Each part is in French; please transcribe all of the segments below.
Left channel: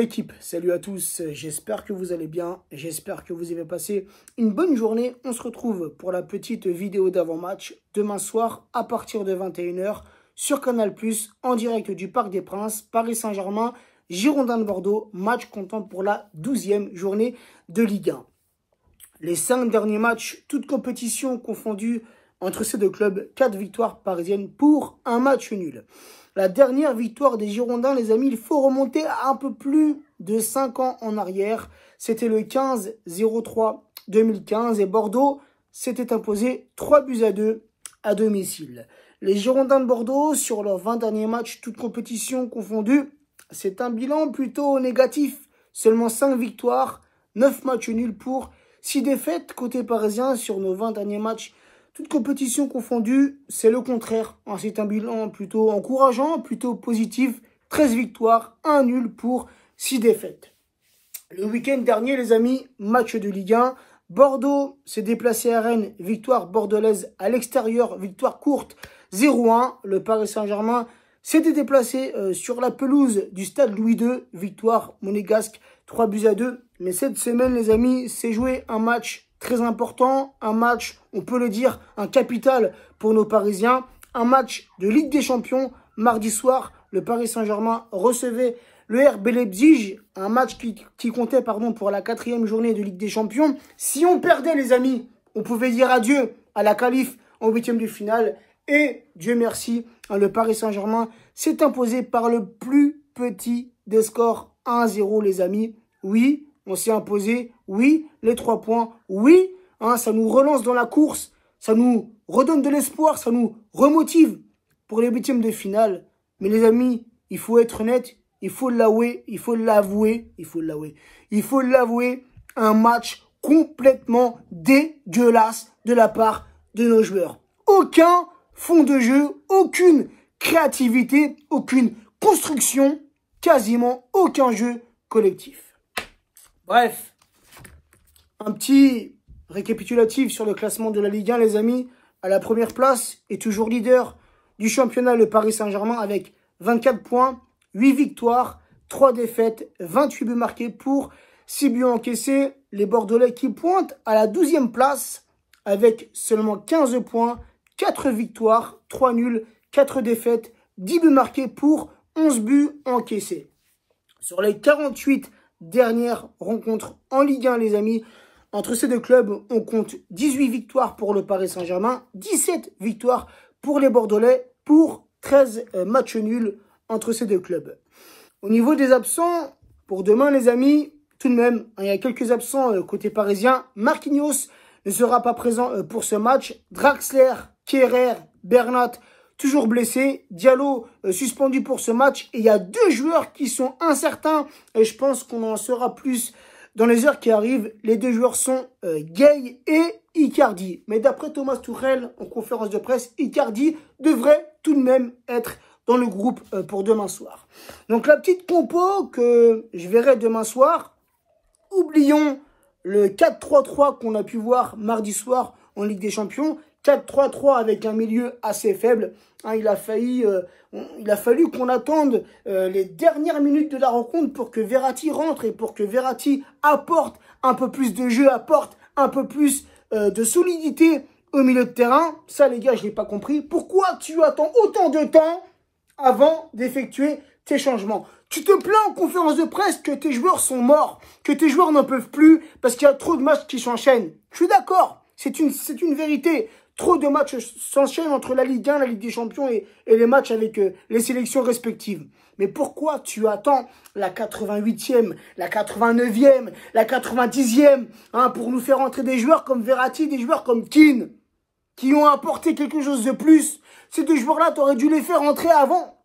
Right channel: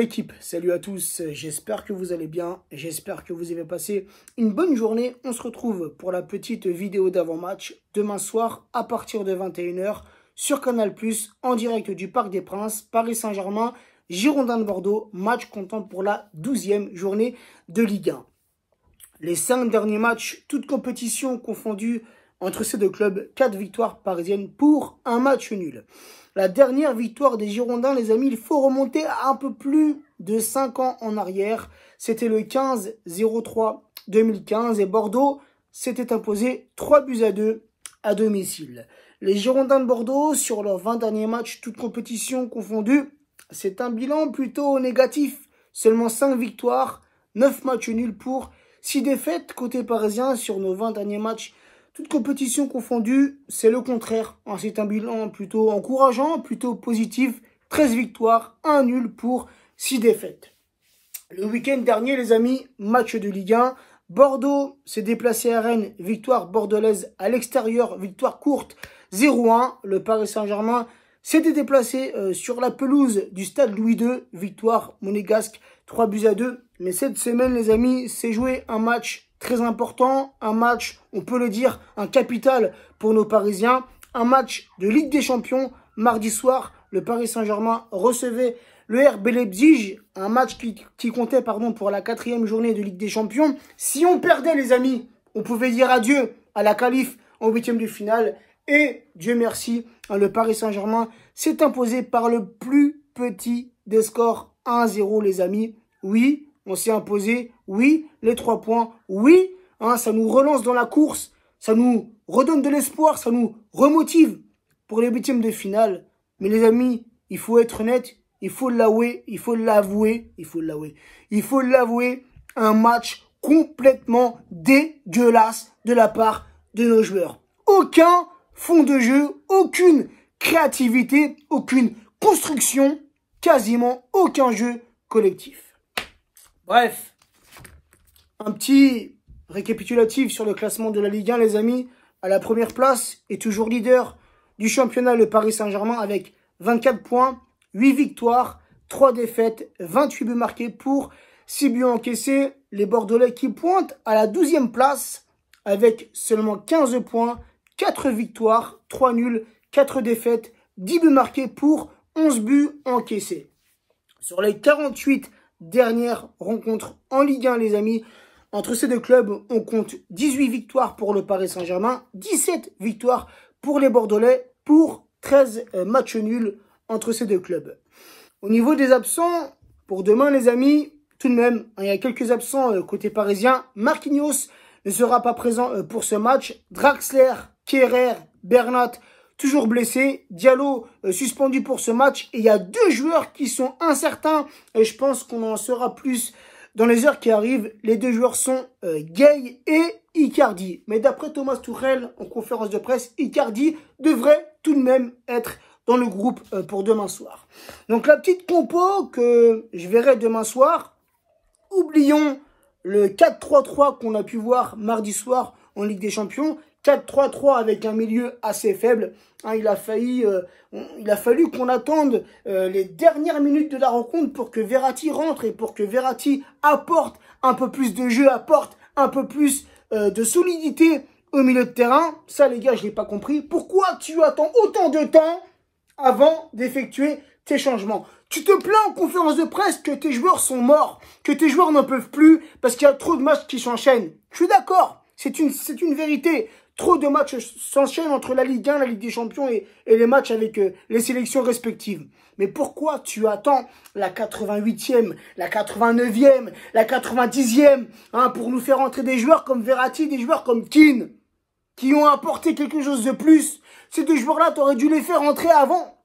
L'équipe, salut à tous, j'espère que vous allez bien, j'espère que vous avez passé une bonne journée. On se retrouve pour la petite vidéo d'avant-match demain soir à partir de 21 h sur Canal+, en direct du Parc des Princes, Paris Saint-Germain, Girondins de Bordeaux, match comptant pour la 12e journée de Ligue 1. Les 5 derniers matchs, toutes compétitions confondues entre ces deux clubs, 4 victoires parisiennes pour un match nul. La dernière victoire des Girondins, les amis, il faut remonter à un peu plus de 5 ans en arrière. C'était le 15-03-2015 et Bordeaux s'était imposé 3-2 à domicile. Les Girondins de Bordeaux, sur leurs 20 derniers matchs, toutes compétitions confondues, c'est un bilan plutôt négatif. Seulement 5 victoires, 9 matchs nuls pour 6 défaites côté parisien sur nos 20 derniers matchs. Toute compétition confondue, c'est le contraire. C'est un bilan plutôt encourageant, plutôt positif. 13 victoires, 1 nul pour 6 défaites. Le week-end dernier, les amis, match de Ligue 1. Bordeaux s'est déplacé à Rennes, victoire bordelaise à l'extérieur, victoire courte, 0-1. Le Paris Saint-Germain s'était déplacé sur la pelouse du stade Louis II, victoire monégasque, 3-2. Mais cette semaine, les amis, s'est joué un match très important, un match, on peut le dire, un capital pour nos Parisiens, un match de Ligue des Champions. Mardi soir, le Paris Saint-Germain recevait le RB Leipzig, un match qui comptait pour la 4e journée de Ligue des Champions. Si on perdait, les amis, on pouvait dire adieu à la qualif en 8e de finale. Et Dieu merci, le Paris Saint-Germain s'est imposé par le plus petit des scores, 1-0, les amis. Oui, on s'est imposé, oui, les 3 points, oui, ça nous relance dans la course, ça nous redonne de l'espoir, ça nous remotive pour les 8e de finale. Mais les amis, il faut être honnête, il faut l'avouer, un match complètement dégueulasse de la part de nos joueurs. Aucun fond de jeu, aucune créativité, aucune construction, quasiment aucun jeu collectif. Bref, un petit récapitulatif sur le classement de la Ligue 1, les amis. À la première place est toujours leader du championnat, le Paris Saint-Germain, avec 24 points, 8 victoires, 3 défaites, 28 buts marqués pour 6 buts encaissés. Les Bordelais qui pointent à la 12e place avec seulement 15 points, 4 victoires, 3 nuls, 4 défaites, 10 buts marqués pour 11 buts encaissés. Sur les 48 dernière rencontre en Ligue 1, les amis. Entre ces deux clubs, on compte 18 victoires pour le Paris Saint-Germain, 17 victoires pour les Bordelais, pour 13 matchs nuls entre ces deux clubs. Au niveau des absents, pour demain, les amis, tout de même, il y a quelques absents côté parisien. Marquinhos ne sera pas présent pour ce match. Draxler, Kehrer, Bernat, toujours blessé. Diallo suspendu pour ce match. Et il y a 2 joueurs qui sont incertains. Et je pense qu'on en saura plus dans les heures qui arrivent. Les 2 joueurs sont Gueye et Icardi. Mais d'après Thomas Tuchel, en conférence de presse, Icardi devrait tout de même être dans le groupe pour demain soir. Donc la petite compo que je verrai demain soir. Oublions le 4-3-3 qu'on a pu voir mardi soir en Ligue des Champions. 4-3-3 avec un milieu assez faible. Il a fallu qu'on attende les dernières minutes de la rencontre pour que Verratti rentre et pour que Verratti apporte un peu plus de jeu, apporte un peu plus de solidité au milieu de terrain. Ça, les gars, je n'ai pas compris. Pourquoi tu attends autant de temps avant d'effectuer tes changements? Tu te plains en conférence de presse que tes joueurs sont morts, que tes joueurs n'en peuvent plus parce qu'il y a trop de matchs qui s'enchaînent. Je suis d'accord, c'est une vérité. Trop de matchs s'enchaînent entre la Ligue 1, la Ligue des Champions et les matchs avec les sélections respectives. Mais pourquoi tu attends la 88e, la 89e, la 90e pour nous faire entrer des joueurs comme Verratti, des joueurs comme Keane, qui ont apporté quelque chose de plus? Ces 2 joueurs-là, tu aurais dû les faire entrer avant.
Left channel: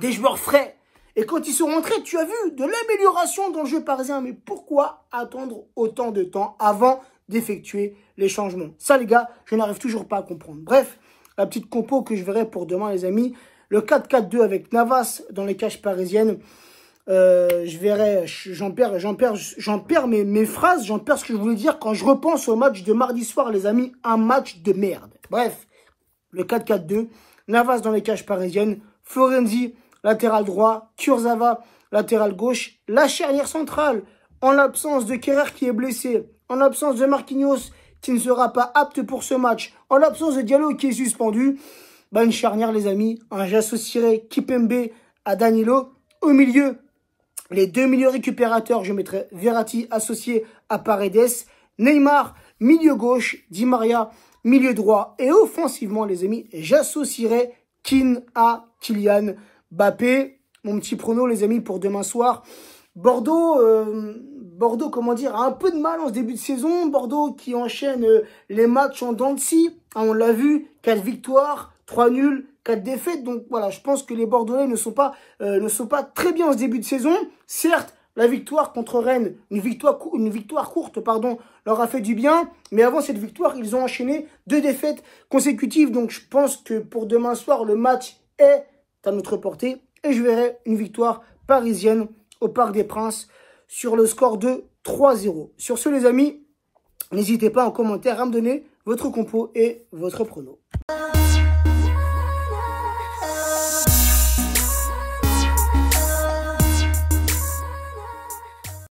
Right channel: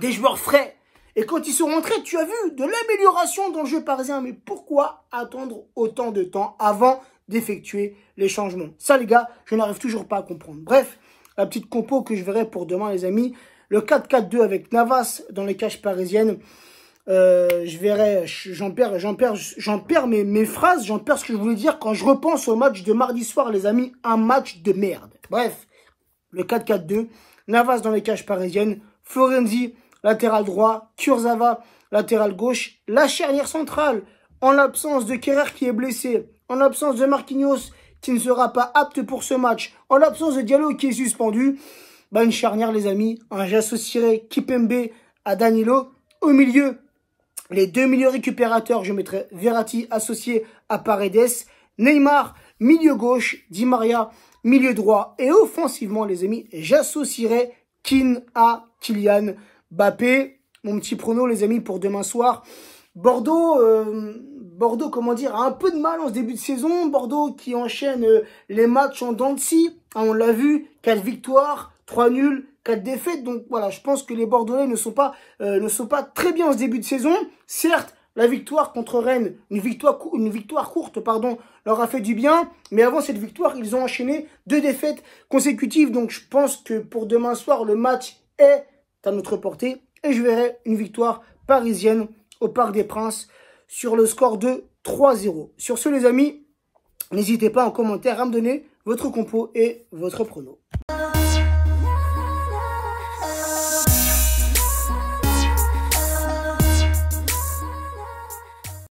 Des joueurs frais. Et quand ils sont rentrés, tu as vu de l'amélioration dans le jeu parisien. Mais pourquoi attendre autant de temps avant d'effectuer les changements? Ça, les gars, je n'arrive toujours pas à comprendre. Bref, la petite compo que je verrai pour demain, les amis. Le 4-4-2 avec Navas dans les cages parisiennes. Je verrai, j'en perds mes phrases, j'en perds ce que je voulais dire quand je repense au match de mardi soir, les amis. Un match de merde. Bref, le 4-4-2, Navas dans les cages parisiennes, Florenzi, latéral droit, Kurzawa, latéral gauche, la charnière centrale, en l'absence de Kerrer qui est blessé, en l'absence de Marquinhos qui ne sera pas apte pour ce match, en l'absence de Diallo qui est suspendu, bah une charnière les amis, j'associerai Kipembe à Danilo. Au milieu, les deux milieux récupérateurs, je mettrai Verratti associé à Paredes, Neymar, milieu gauche, Di Maria, milieu droit. Et offensivement les amis, j'associerai Kean à Kylian Mbappé. Mon petit prono les amis pour demain soir. Bordeaux, comment dire, a un peu de mal en ce début de saison. Bordeaux qui enchaîne les matchs en dents de scie. On l'a vu, 4 victoires, 3 nuls, 4 défaites. Donc voilà, je pense que les Bordelais ne sont pas très bien en ce début de saison. Certes, la victoire contre Rennes, une victoire courte, pardon, leur a fait du bien. Mais avant cette victoire, ils ont enchaîné 2 défaites consécutives. Donc je pense que pour demain soir, le match est à notre portée. Et je verrai une victoire parisienne au Parc des Princes sur le score de 3-0. Sur ce les amis, n'hésitez pas en commentaire à me donner votre compo et votre prono.